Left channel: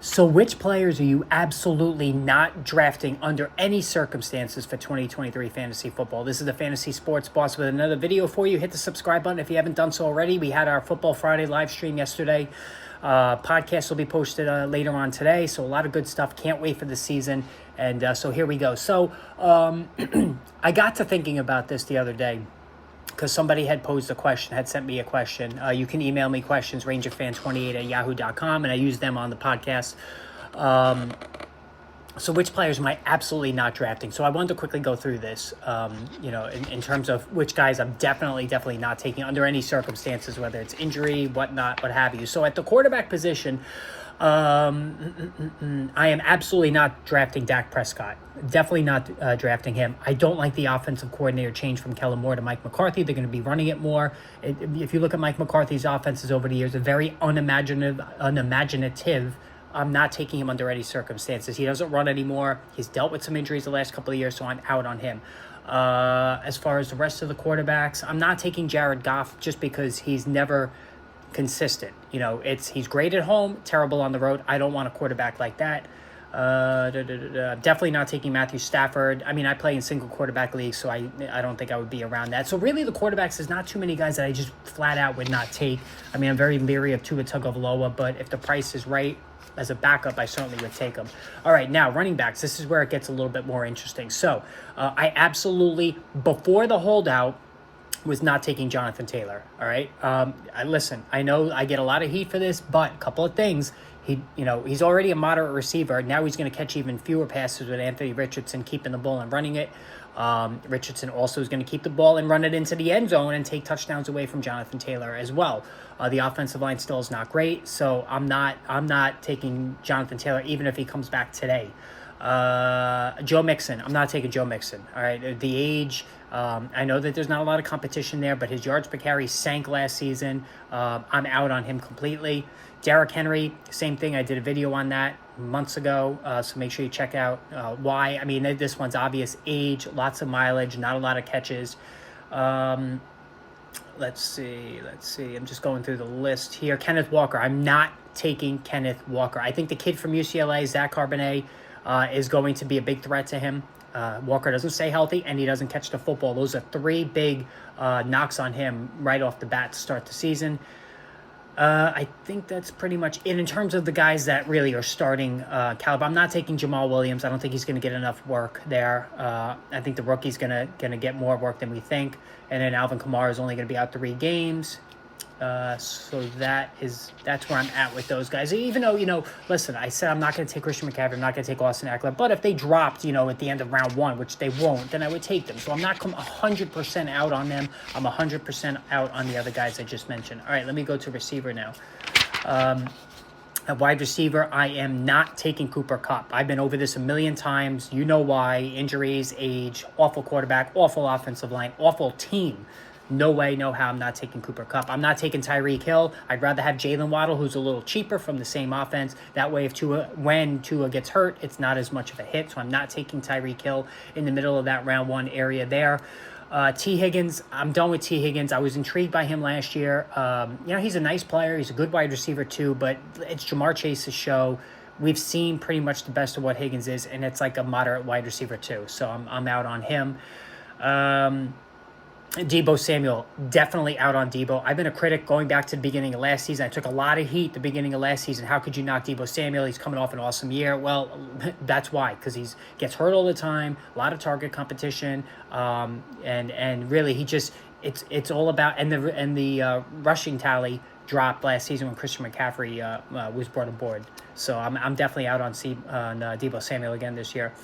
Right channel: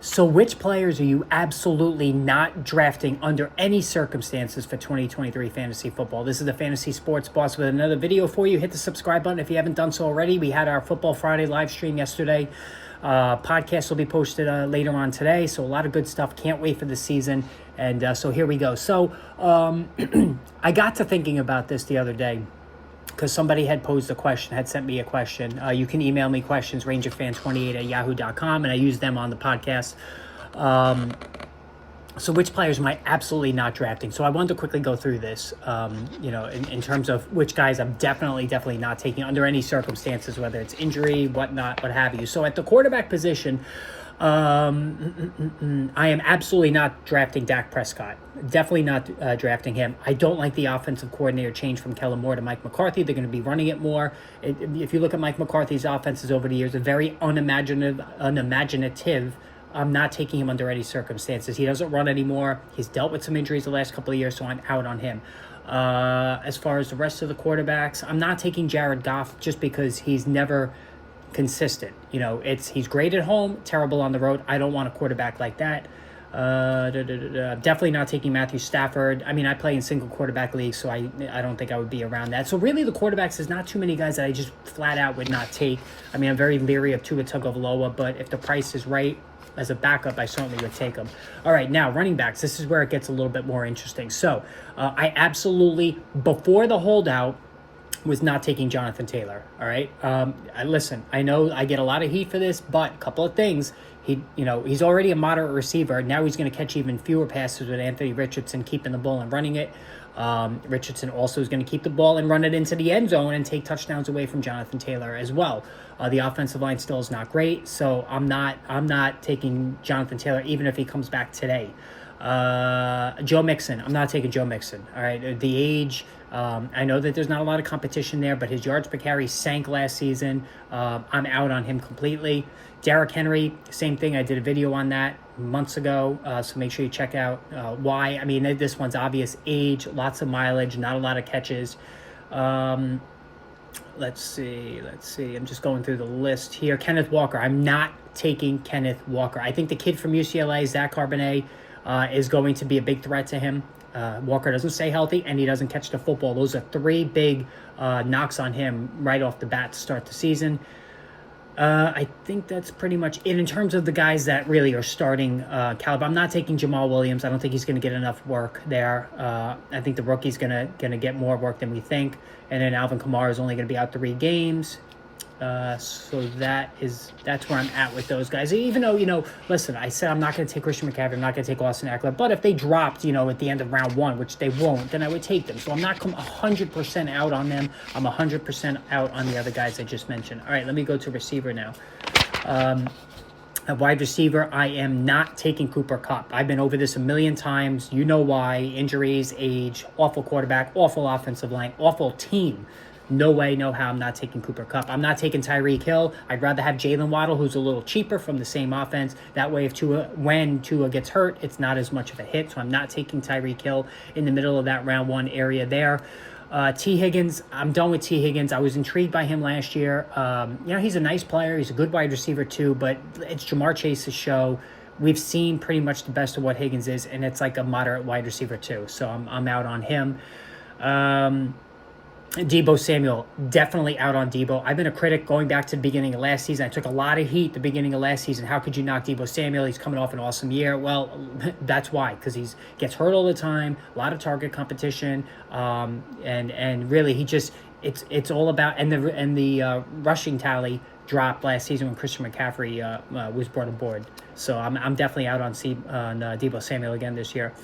So which players are you absolutely not drafting under any circumstances for 2023 fantasy football? This is the Fantasy Sports Boss with another video for you. Hit the subscribe button if you haven't done so already. We had our Football Friday live stream yesterday. Podcast will be posted later on today. So a lot of good stuff. Can't wait for the season. And so here we go. So I got to thinking about this the other day, because somebody had posed a question, had sent me a question. You can email me questions, rangerfan28@yahoo.com, and I use them on the podcast. So which players am I absolutely not drafting? So I wanted to quickly go through this, in terms of which guys I'm definitely not taking under any circumstances, whether it's injury, whatnot, what have you. So at the quarterback position, I am absolutely not drafting Dak Prescott. Definitely not drafting him. I don't like the offensive coordinator change from Kellen Moore to Mike McCarthy. They're going to be running it more. If you look at Mike McCarthy's offenses over the years, they're very unimaginative. I'm not taking him under any circumstances. He doesn't run anymore. He's dealt with some injuries the last couple of years, so I'm out on him. As far as the rest of the quarterbacks, I'm not taking Jared Goff just because he's never consistent. He's great at home, terrible on the road. I don't want a quarterback like that. Definitely not taking Matthew Stafford. I mean, I play in single quarterback leagues, so I don't think I would be around that. So really the quarterbacks, there's not too many guys that I just flat out would not take. I mean, I'm very leery of Tua Tagovailoa, but if the price is right as a backup, I certainly would take him. All right, now running backs. This is where it gets a little bit more interesting. So I absolutely, before the holdout, was not taking Jonathan Taylor. All right. Listen, I know I get a lot of heat for this, but a couple of things. He's already a moderate receiver. Now he's going to catch even fewer passes with Anthony Richardson keeping the ball and running it. Richardson also is going to keep the ball and run it into the end zone and take touchdowns away from Jonathan Taylor as well. The offensive line still is not great, so I'm not taking Jonathan Taylor even if he comes back today. Joe Mixon. I'm not taking Joe Mixon. All right. The age, I know that there's not a lot of competition there, but his yards per carry sank last season. I'm out on him completely. Derrick Henry, same thing. I did a video on that months ago, so make sure you check out why. I mean, this one's obvious. Age, lots of mileage, not a lot of catches. Let's see. I'm just going through the list here. Kenneth Walker. I'm not taking Kenneth Walker. I think the kid from UCLA, Zach Charbonnet, is going to be a big threat to him. Walker doesn't stay healthy, and he doesn't catch the football. Those are three big knocks on him right off the bat to start the season. I think that's pretty much it in terms of the guys that really are starting caliber. I'm not taking Jamal Williams. I don't think he's going to get enough work there. I think the rookie's going to get more work than we think. And then Alvin Kamara is only going to be out 3 games. So that's where I'm at with those guys. Even though, listen, I said I'm not going to take Christian McCaffrey, I'm not going to take Austin Eckler, but if they dropped, at the end of round 1, which they won't, then I would take them. So I'm not 100% out on them. I'm 100% out on the other guys I just mentioned. All right, let me go to receiver now. At wide receiver, I am not taking Cooper Kupp. I've been over this a million times. You know why. Injuries, age, awful quarterback, awful offensive line, awful team. No way, no how I'm not taking Cooper Kupp. I'm not taking Tyreek Hill. I'd rather have Jalen Waddle, who's a little cheaper from the same offense. That way, when Tua gets hurt, it's not as much of a hit. So I'm not taking Tyreek Hill in the middle of that round 1 area there. T. Higgins, I'm done with T. Higgins. I was intrigued by him last year. He's a nice player. He's a good wide receiver too, but it's Jamar Chase's show. We've seen pretty much the best of what Higgins is, and it's like a moderate wide receiver too. So I'm out on him. Deebo Samuel, definitely out on Deebo. I've been a critic going back to the beginning of last season. I took a lot of heat the beginning of last season. How could you knock Deebo Samuel? He's coming off an awesome year. Well, that's why, because he gets hurt all the time, a lot of target competition, and really it's all about and the rushing tally dropped last season when Christian McCaffrey was brought aboard. So I'm definitely out on Deebo Samuel again this year.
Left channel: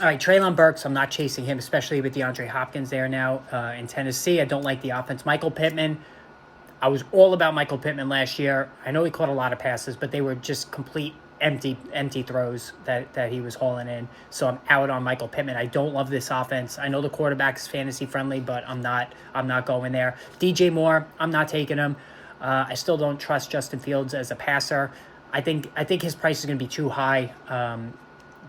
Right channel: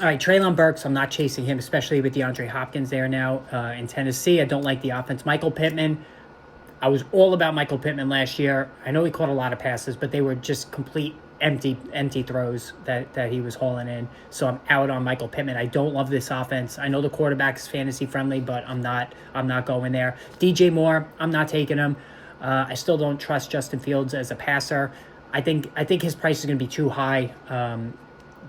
All right, Treylon Burks, I'm not chasing him, especially with DeAndre Hopkins there now in Tennessee. I don't like the offense. Michael Pittman, I was all about Michael Pittman last year. I know he caught a lot of passes, but they were just complete empty throws that he was hauling in. So I'm out on Michael Pittman. I don't love this offense. I know the quarterback is fantasy friendly, but I'm not going there. DJ Moore, I'm not taking him. I still don't trust Justin Fields as a passer. I think his price is going to be too high.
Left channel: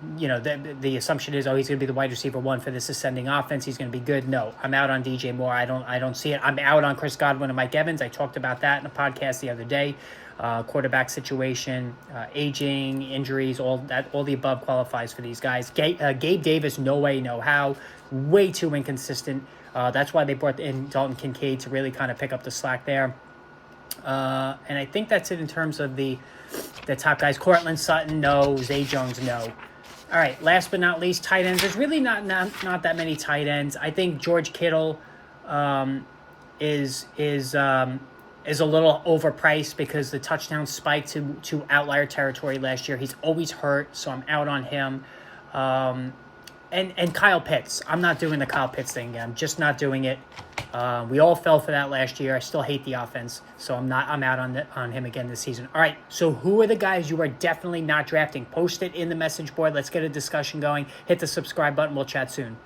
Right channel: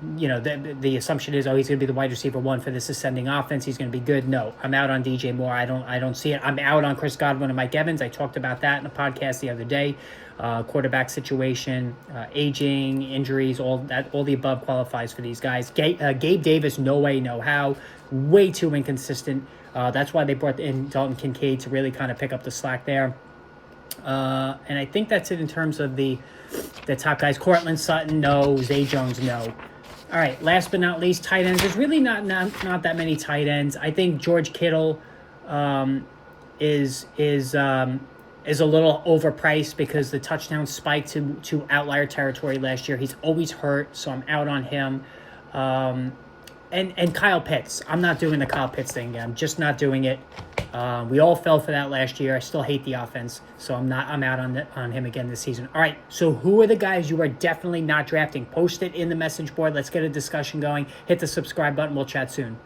the assumption is, oh, he's going to be the wide receiver one for this ascending offense. He's going to be good. No, I'm out on DJ Moore. I don't see it. I'm out on Chris Godwin and Mike Evans. I talked about that in a podcast the other day. Quarterback situation, aging, injuries, all the above qualifies for these guys. Gabe Davis, no way, no how. Way too inconsistent. That's why they brought in Dalton Kincaid to really kind of pick up the slack there. And I think that's it in terms of the top guys. Cortland Sutton, no. Zay Jones, no. All right, last but not least, tight ends. There's really not that many tight ends. I think George Kittle is a little overpriced because the touchdown spiked to outlier territory last year. He's always hurt, so I'm out on him. And Kyle Pitts. I'm not doing the Kyle Pitts thing again. I'm just not doing it. We all fell for that last year. I still hate the offense, so I'm out on him again this season. All right, so who are the guys you are definitely not drafting? Post it in the message board. Let's get a discussion going. Hit the subscribe button. We'll chat soon.